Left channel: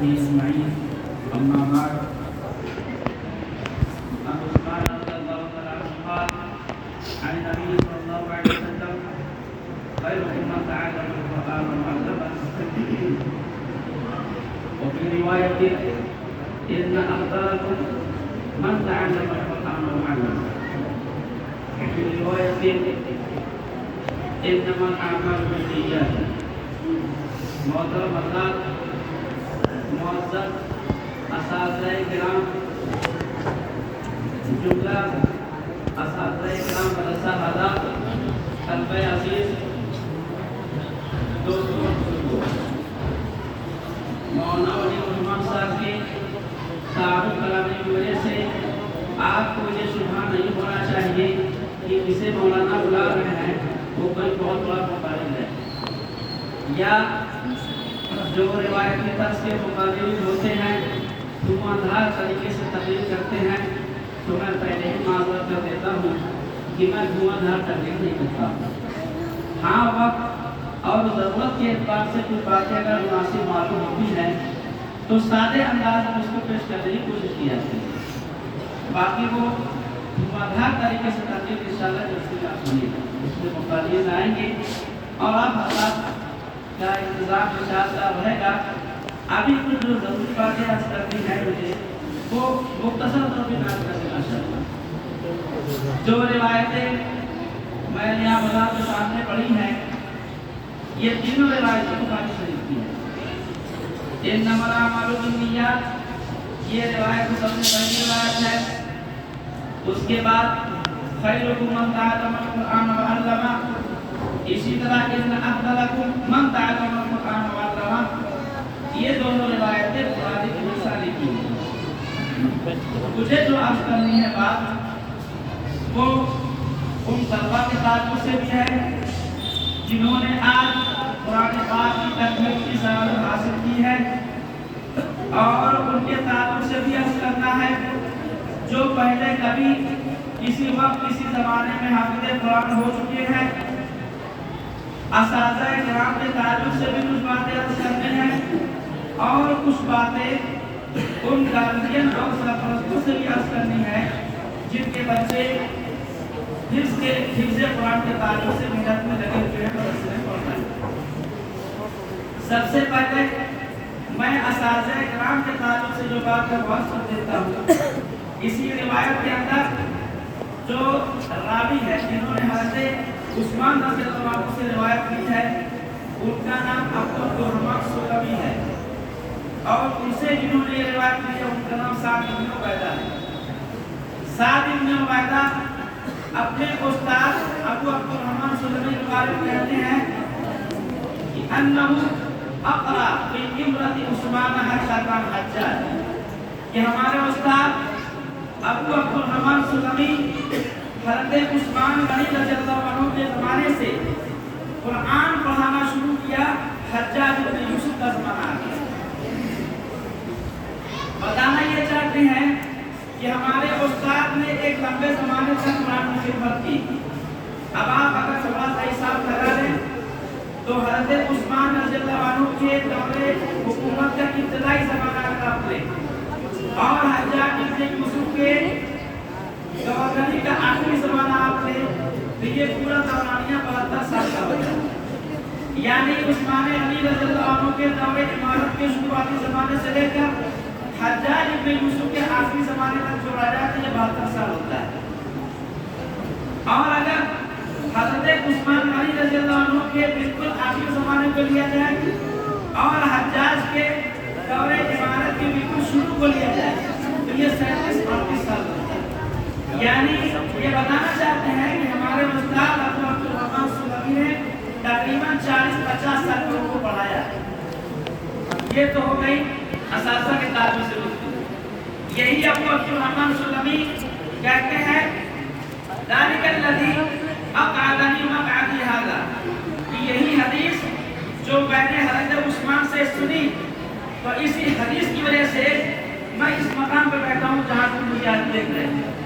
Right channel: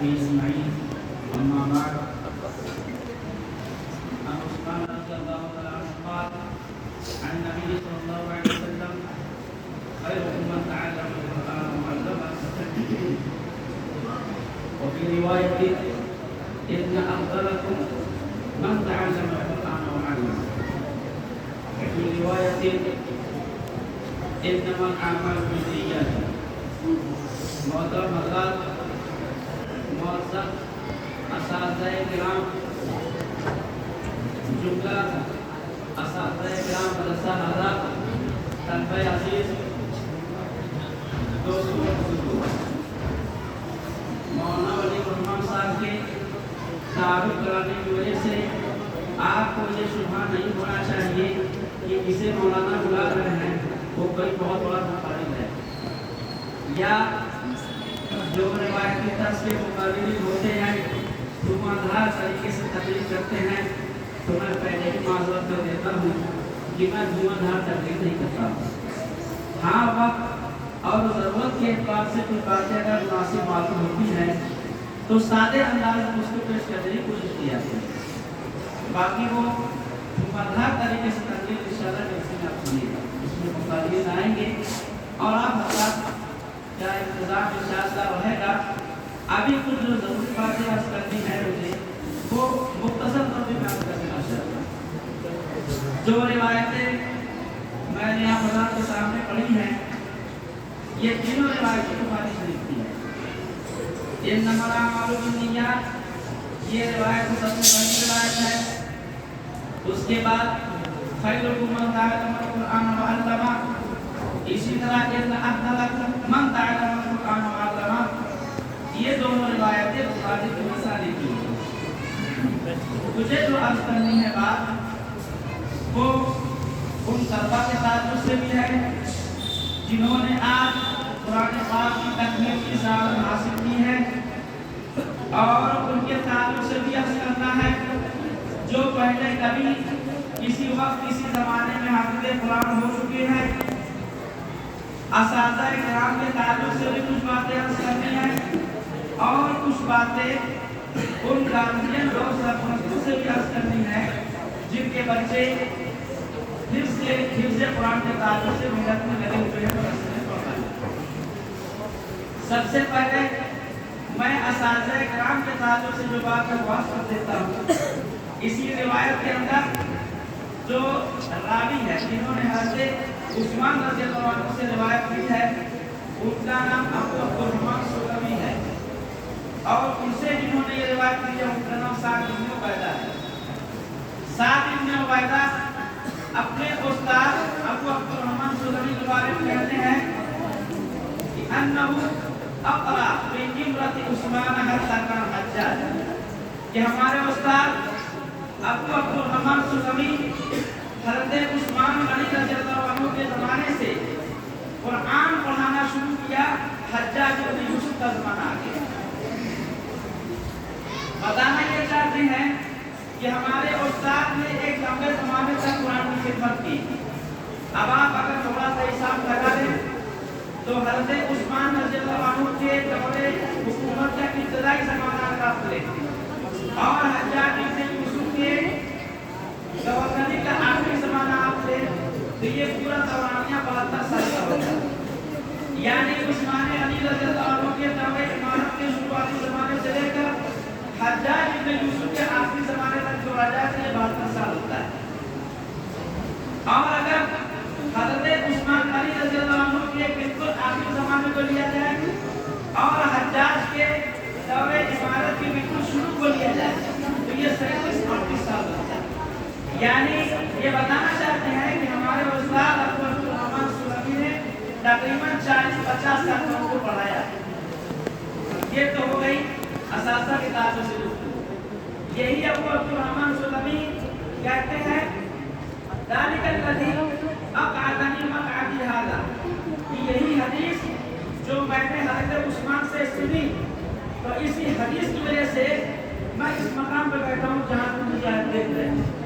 وصحبه أجمعين. أما بعد، عن عثمان رضي الله تعالى عنه قال عن النبي صلى الله عليه وسلم: خيركم من تعلم القرآن وعلمه. وفي رواية: إن أفضلكم من تعلم القرآن وعلمه. وفي رواية: إنما الأعمال بالنيات. محترم حضرات، معزز اساتذہ کرام، جملہ اساتذہ کرام، مدرسہ حضرات، طلبہ عزیز، دوستوں بزرگوں، مولانا ولی الرحمان صاحب کے تعارف کرانے کی وجہ سے آپ کو یہ شبہ نہیں ہونا چاہیے کہ جسے مولانا بلا رہے ہیں وہ کوئی بہت بڑا مقابل ہے، یا جو روایتی طرز سے مقابل ہوتے ہیں دھواندھار طریقے سے تقریر کرتے ہیں، تو میں پہلے ہی معذرت کر دیتا ہوں کہ میں دھواندھار تقریر نہیں کرتا ہوں۔ ہاں، وقت اور ضرورت کے اعتبار سے کوئی باتیں اگر مناسب معلوم ہوتی ہیں تو سادے انداز میں اس کو پیش کرنے کی کوشش کی جاتی ہے، باقی وہ دھواندھار طریقے سے تقریر انشاءاللہ جیسے آپ سنیے گا اس میں مختلف آئیں گے اور آپ حضرات کا انتظام انشاءاللہ رہے گا۔ ابھی کچھ جو ضروری باتیں عرض کرنی ہے مجھے وہ مختصر طور پر بیان کر دینا چاہتا۔ جو روایتیں میں نے آپ حضرات کے سامنے پڑھی ہیں یہ تینوں روایتیں بخاری شریف کی ہیں۔ انما الاعمال بالنیات یہ روایت سب سے پہلی روایت ہے۔ اس کے بعد خیرکم من تعلم القرآن وعلمہ، اسی طرح ان افضلکم من تعلم القرآن وعلمہ، یہ دونوں روایتیں بخاری کی مثالی کی ہیں۔ مجھے جو عرض کرنی ہے بات وہ ان طلبہ کے تعلق سے بھی ہے جنہوں نے آج قرآن پاک کی تکمیل کی سعادت حاصل کی ہے، اور ان کے تعلق سے بھی عرض کرنا ہے جو پہلے کبھی کسی وقت کسی زمانے میں حافظ قرآن ہو چکے ہیں۔ اساتذہ کرام کے تعلق سے بھی کچھ باتیں عرض کرنی ہیں اور کچھ باتیں ان گارجین اور سرپرستوں سے بھی عرض کرنی ہے جن کے بچے حفظ قرآن کے تعلق سے محنت میں لگے ہوئے ہیں۔ سب سے پہلے میں اساتذہ کرام کے تعلق سے جو بات ہے وہ عرض کر دیتا ہوں۔ اسی روایت کے اندر جو راوی ہے جنہوں نے حضرت عثمان رضی اللہ عنہ سے روایت کی ہے ان کا نام ابو عبدالرحمن سلمی ہے، اور ان سے جنہوں نے یہ روایت کی ہے ان کا نام سعد بن عبیدہ ہے۔ سعد بن عبیدہ اپنے استاد ابو عبدالرحمن سلمی کے بارے میں کہتے ہیں کہ انہو اقرا بامرأۃ عثمان حتی کان حجاج، کہ ہمارے استاد ابو عبدالرحمن سلمی حضرت عثمان غنی رضی اللہ عنہ کے زمانے سے قرآن پڑھانا شروع کیا، حجاج بن یوسف کا زمانہ آ گیا۔ بتانا یہ چاہتے ہیں کہ ہمارے استاد نے ایک لمبے زمانے تک قرآن کی خدمت کی۔ اب آپ اگر تھوڑا سا حساب لگا لیں تو حضرت عثمان رضی اللہ عنہ کے دور حکومت کا ابتدائی زمانہ اگر آپ لیں اور حجاج بن یوسف کے گورنری کا آخری زمانہ آپ لیں تو یہ پورا دورانیہ 72 سال کا ہوتا ہے، یعنی عثمان علی رضی اللہ عنہ کے دور امارت کے شروعاتی زمانے سے لے کر حجاج بن یوسف کے آخری زمانے تک جو راجہ تھے یہ 72 سال ہوتا ہے۔ اور اگر حضرت عثمان علی رضی اللہ عنہ کے بالکل آخری زمانے کو لیا جائے اور حجاج کے دور امارت کے بالکل شروع کو لیا جائے تو یہ 37-38 سال ہوتا ہے۔ یعنی یہ بتانا چاہتے ہیں کہ ہمارے استاد ابو عبدالرحمن سلمی نے تقریباً 40-50 سال کو ان کو پڑھایا ہے۔ یہ تو ہو گئی اساتذہ کے تعلق سے گفتگو۔ یہی ابو عبدالرحمن سلمی کہتے ہیں ذالک الذی اقعدنی مقعدی ھذا، کہ یہی حدیث جو میں نے حضرت عثمان سے سنی تو اسی حدیث کی وجہ سے میں اس مقام پہ بیٹھا ہوں جہاں تم مجھے آج دیکھ رہے ہیں۔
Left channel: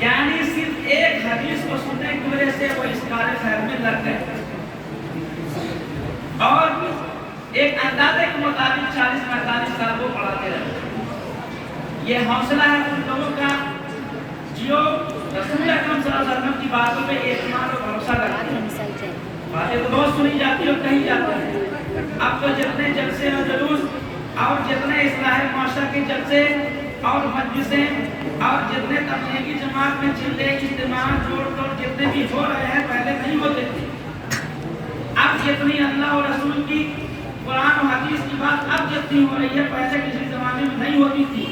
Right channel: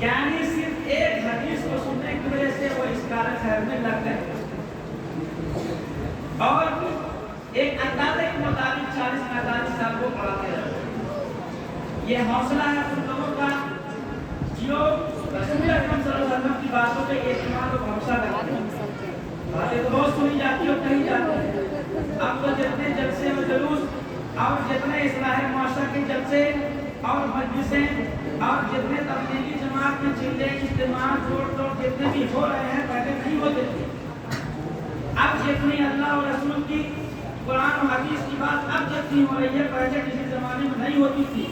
یعنی صرف ایک حدیث کو سننے کی وجہ سے وہ اس کار خیر میں لگ گئے۔ اور ایک اندازے کے مطابق 40-45 سال وہ پڑھاتے رہتے۔ یہ حوصلہ ہے ان لوگوں کا جو رسول اکرم صلی اللہ علیہ وسلم کی باتوں پہ اعتماد اور بھروسہ کرتے ہیں۔ باتیں تو بہت سنی جاتی ہے اور کہی جاتی ہے۔ اب تو جتنے جلسے اور جلوس اور جتنے اصلاح معاشرہ کے جلسے اور مجلسیں اور جتنے تبلیغی جماعت میں چلے اجتماع جوڑ توڑ جتنے بھی ہو رہے ہیں پہلے نہیں ہوتے تھے۔ اب جتنی اللہ اور رسول کی قرآن و حدیث کی بات اب جتنی ہو رہی ہے پہلے کسی زمانے میں نہیں ہوتی تھی،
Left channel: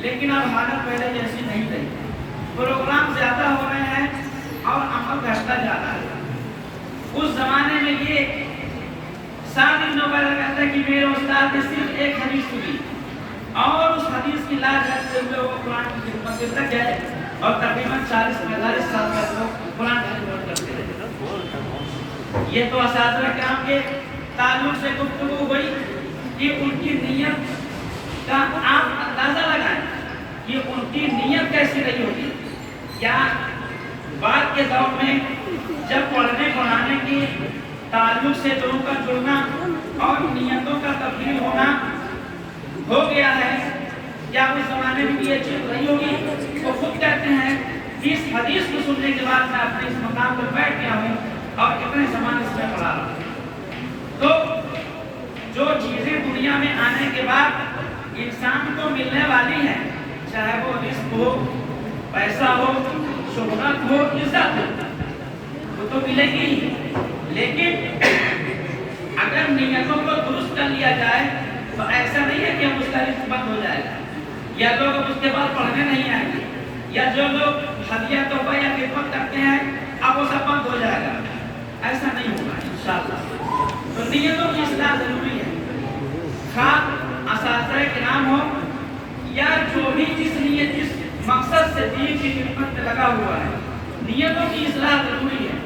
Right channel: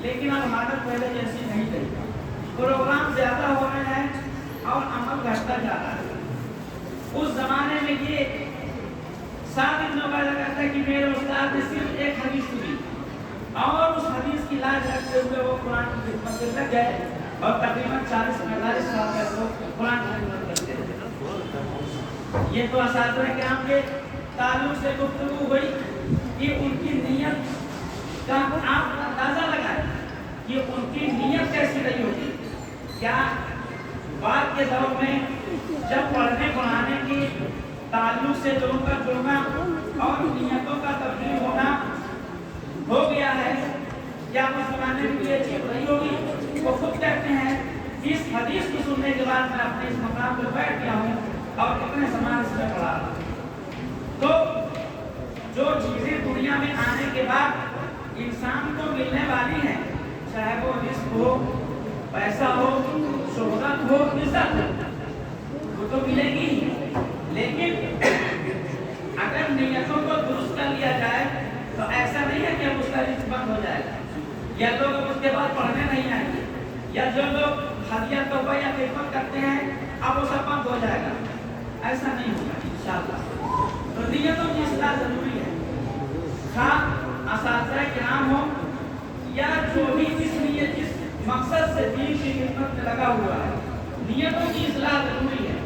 لیکن اب حالت پہلے جیسی نہیں رہی۔ پروگرام زیادہ ہو رہے ہیں اور عمل گھٹتا جا رہا ہے۔ اس زمانے میں یہ 7 دنوں کا لگاتا ہے کہ میرے استاد نے صرف ایک حدیث سنی اور اس حدیث کی لاج رکھتے ہوئے وہ قرآن کی خدمت میں لگ گئے اور تقریباً 40-45 سال تک وہ قرآن کی خدمت کرتے رہے۔ یہ تو اساتذہ کرام کے تعلق سے گفتگو ہوئی کہ ان کی نیت کا آپ اندازہ لگائیں کہ ان کی نیت کیسی رہی ہوگی۔ یا بعد کے دور میں جب پڑھنے پڑھانے کے تعلق سے لوگوں کا جڑنا اور نیتوں کا تبدیل ہونا ہو گیا ہے، کیا اس زمانے میں یہ چیز رہی ہوگی؟ وہ خود کہتے ہیں کہ اس حدیث کو سننے کے بعد میں اپنے اس مقام پر بیٹھ گیا ہوں اور اتنے زمان اس میں پڑھا رہا ہوں۔ تو جو چیزیں دنیا میں آنے کے بعد انسان کو ملنے والی ہیں، چاہے وہ رزق ہو، پیسہ ہو، شہرت ہو، عزت ہو، وہ تو ملے گی ہی، لیکن اگر نیتوں کو درست کر لیا جائے تو ایسا نہیں ہے کہ اب اس کا رزق بند ہو جائے گا یا لوگ اب اس کے بعد پڑھنے نہیں آئیں گے یا جو لوگ ہدیہ توبہ یا خدمت کرتے ہیں اب وہ سب بند ہو جائے گا۔ ایسا نہیں ہوگا انشاءاللہ۔ تو نیتوں کی اصلاح ضروری ہے، خواہ اساتذہ کرام ہو یا جو بھی جس مقصد سے دین کی خدمت میں لگا ہوا ہے، نیتوں کی اصلاح ضروری ہے۔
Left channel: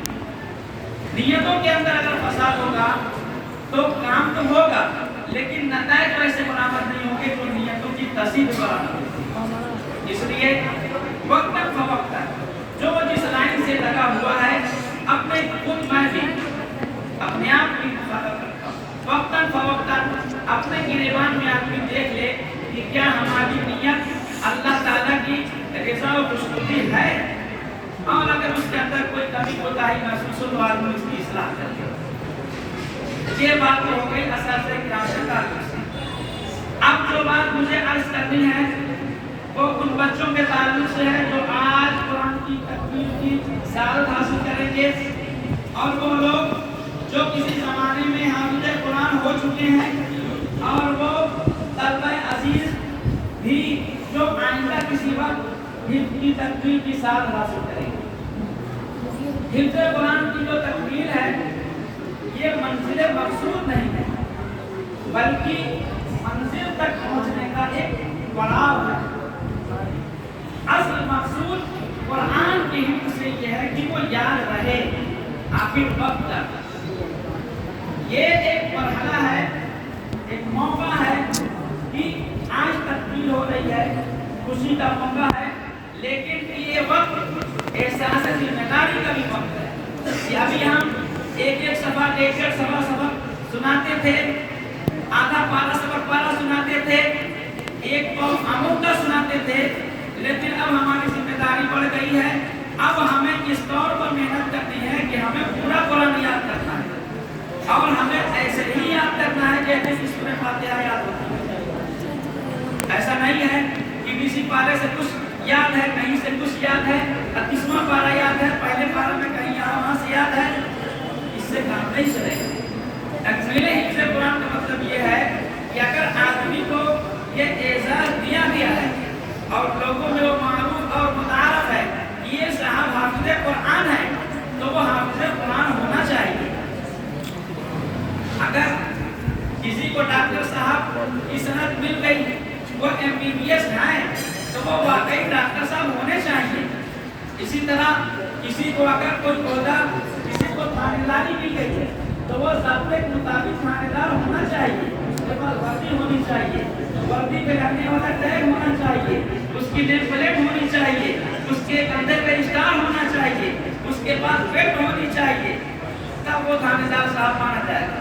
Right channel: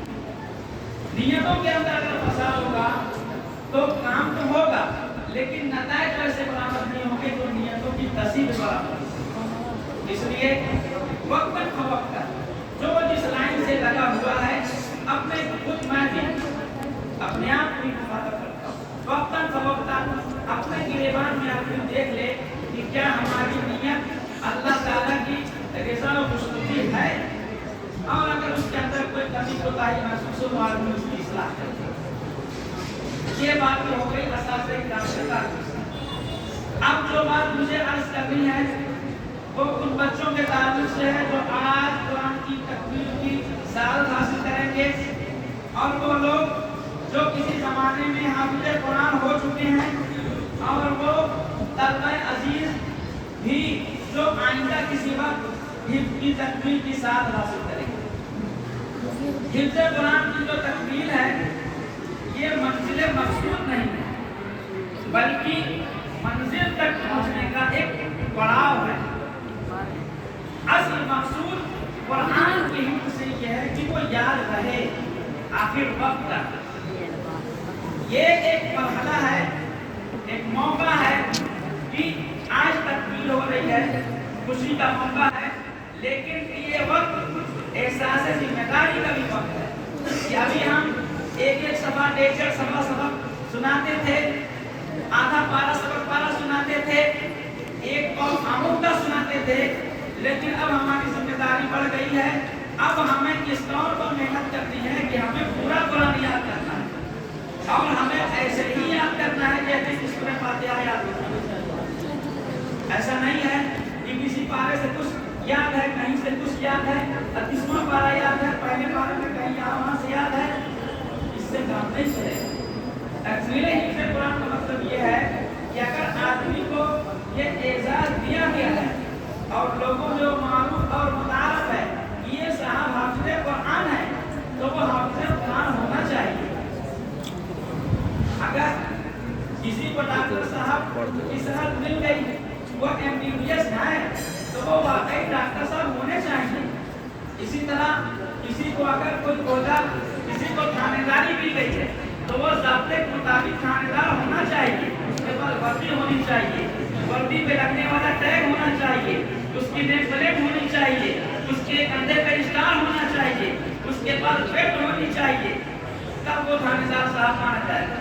نیتوں کے اندر اگر فساد ہوگا تو کام تو ہوگا لیکن نتائج ویسے برآمد نہیں ہوں گے جو نیتوں کی تصحیح برآمد ہوگی۔ اس لیے وقتاً فوقتاً جو جس لائن سے لگا ہوا ہے اپنے خود میں بھی اپنے آپ کی حفاظت کرتا ہوں، وقتاً فوقتاً اپنے گریبان میں آدمی دیکھ لے کہ کیا ہماری نیت اللہ تعالیٰ کی رضا و خوشنودی ہے، اور اگر اس کے اندر کوئی کمی کوتاہی محسوس ہو آدمی اس کی اصلاح کرے۔ یہ بات ہو گئی اساتذہ کرام کے تعلق سے۔ اب جو بات مجھے عرض کرنی ہے وہ ان بچوں کے تعلق سے ہے جو آج قرآن کی تکمیل کی سعادت حاصل کریں گے، اور وہ لوگ جو کسی زمانے میں حافظ قرآن ہو چکے ہیں اور وہ طلبہ عزیز بھی جو آئندہ کسی وقت حفظ کی تکمیل کی سعادت حاصل کریں گے۔ حفظ قرآن کی جو تکمیل ہے یہ منزل مقصود نہیں ہے بلکہ منزل تک پہنچنے کا ایک پڑاؤ ہے۔ اصل مقصود قرآن کی حفظ سے یہ ہے کہ وہ یاد رہے آخر وقت تک۔ یہ ایک مرحلہ ہے، ایک موقع ہے کہ آج تکمیل ہو رہی ہے، خوشی کا موقع ہے، لیکن یہ وقت احساس ذمہ داری کا بھی وقت ہے کہ ابھی ہم ایک سبق ایک سبق سناتے تھے، آدھا پارا سبق پارا سناتے تھے، ایک قوم آموزہ سناتے تھے، لیکن اب ہماری ذمہ داری بڑھ گئی ہے۔ اب ہمیں اس طور پر محنت کرنی ہے کہ ہمیں پورا قرآن یاد کرنا ہے اور ہمیں ایسے ہی یاد کرنا ہے جیسے کہ سورہ فاتحہ یاد ہوتی ہے۔ ایسا نہیں ہے کہ کسی پارے سے کچھ یاد ہے، کہیں سے کچھ یاد ہے، 38واں پارا یاد ہے، پہلے پارے میں کہیں یہاں وہاں سے یاد ہے، اس سے کام نہیں چلے گا۔ تکمیل حفظ قرآن کا مطلب یہ ہے کہ اگر آدمی کو یہ اعزاز دیا گیا ہے اور لوگوں میں وہ معروف اور متعارف ہے کہ یہ صاحب حافظ قرآن ہے تو وہ حافظ قرآن ہونا چاہیے۔ اگر کسی کو ڈاکٹر صاحب کی سند مل گئی، وہ MBBS ہے تو وہ واقعی ڈاکٹر صاحب ہونے چاہیے۔ اسی طرح کسی کو اگر کوئی عہدہ، کسی کو تھانے داری مل گئی ہے تو وہ ضابطے کے مطابق تھانے دار ہونا چاہیے، اس کے پاس وردی ہونی چاہیے، وردی پہ لگنے والا ٹیگ ہونا چاہیے، اس کی نیم پلیٹ ہونی چاہیے، اس کے کندھے پہ اسٹار ہونا چاہیے، اس کے پاس بیلٹ ہونی چاہیے، تب وہ تھانے دار صاحب مانا جائے گا۔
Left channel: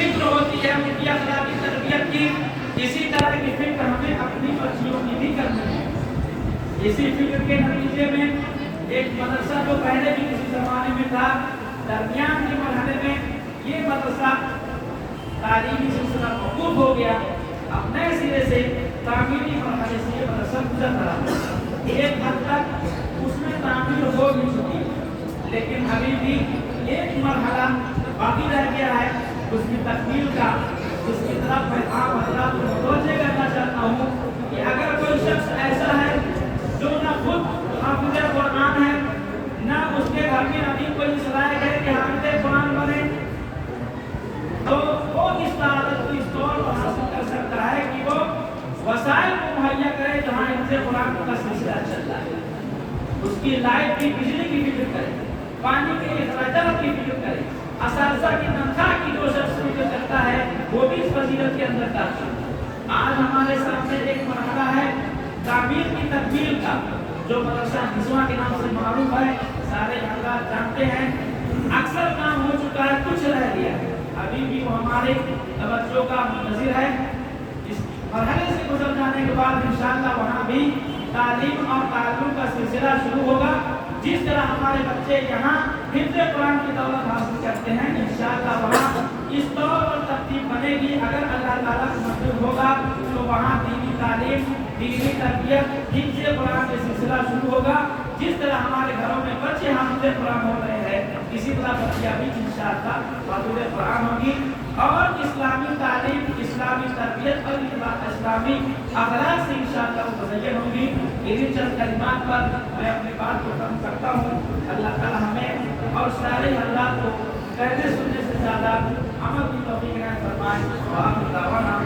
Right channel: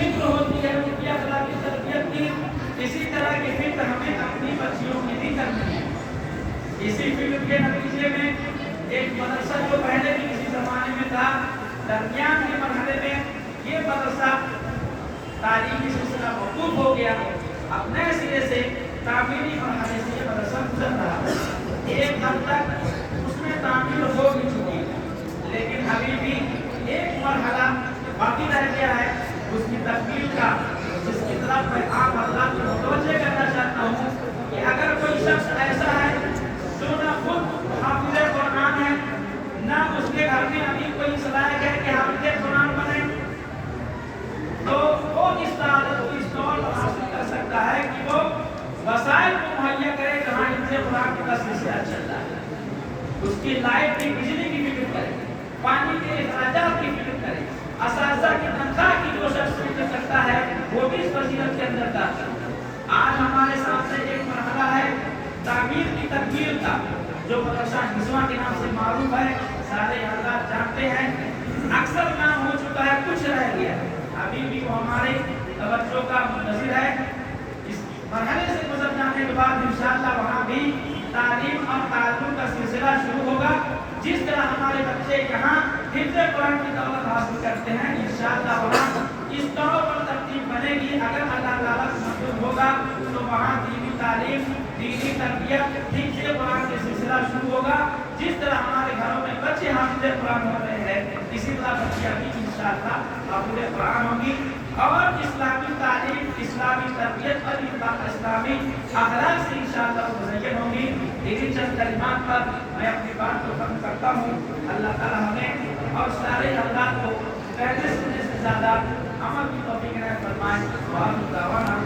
فکر ہوتی ہے ان کی اخلاقی تربیت کی، اسی طرح کی فکر ہمیں اپنی بچیوں کی بھی کرنی ہے۔ اسی فکر کے نتیجے میں ایک مدرسہ جو پہلے بھی کسی زمانے میں تھا، درمیان کے مرحلے میں یہ مدرسہ تعلیمی سلسلہ موقوف ہو گیا، اب نئے سرے سے تعمیری مرحلے سے یہ مدرسہ گزر رہا ہے۔ ایک حد تک اس میں تعمیر ہو بھی چکی ہے، لیکن ابھی بھی ایک مرحلہ باقی رہ گیا ہے اس کی تکمیل کا، جس کی طرف میں آپ حضرات کو متوجہ کرنا چاہتا ہوں کہ اگر کوئی شخص ایسا ہے جو نہ خود حافظ قرآن ہے، نہ اس کے گھر میں ابھی کوئی صلاحیت ہے کہ حافظ قرآن بنے، تو وہ اس تعداد کو اس طور پر حاصل کر سکتا ہے کہ وہ وسائل کو مہیا کرے جہاں حفظ قرآن کا سلسلہ چل رہا ہے۔ اس کی لائٹ کی بجلی کی فکر کرے، پانی کے اخراجات کی فکر کرے، اساتذہ کی تنخواہ کی جو شخص فکر کرتا ہے وہ بھی اس فضیلت کے اندر داخل ہے۔ آج ہمارے سامنے ایک مرحلہ ہے تعمیر کی تکمیل کا، جو مدرسہ نسواں کے نام سے معروف ہے، سارے حضرات جانتے ہیں، اکثر کام ہو چکا ہے، کچھ رہ گیا ہے، ابھی بھی وہ ہمارے توجہ کا منتظر ہے۔ اس مرحلے سے گزر جانے کے بعد انشاءاللہ وہاں بھی تعلیم اور تعلم کا سلسلہ شروع ہوگا۔ جس طرح ہمارے بچے یہاں حفظ قرآن کی دولت حاصل کرتے ہیں، انشاءاللہ وہاں اس طور پر ترتیب بنے گی، اگر اللہ تعالیٰ کو منظور ہوگا تو وہاں دینی تعلیم، دینی تربیت، حفظ قرآن کا سلسلہ شروع ہوگا۔ جس طرح ہمارے گھروں میں بچے حافظ قرآن ہو رہے ہیں، اسی طرح بچیاں بھی انشاءاللہ حافظ قرآن ہوگی، اور اسلامی تعلیم، اسلامی تربیت اور اسلامی اخلاق سے انشاءاللہ وہ مزین ہوگی۔ انہی چند کلمات پر میں اپنی بات کو ختم کرتا ہوں۔ اللہ تعالیٰ ہمیں اور سارے حضرات کو کہنے سننے سے زیادہ عمل کی توفیق عنایت فرمائے۔ وآخر دعوانا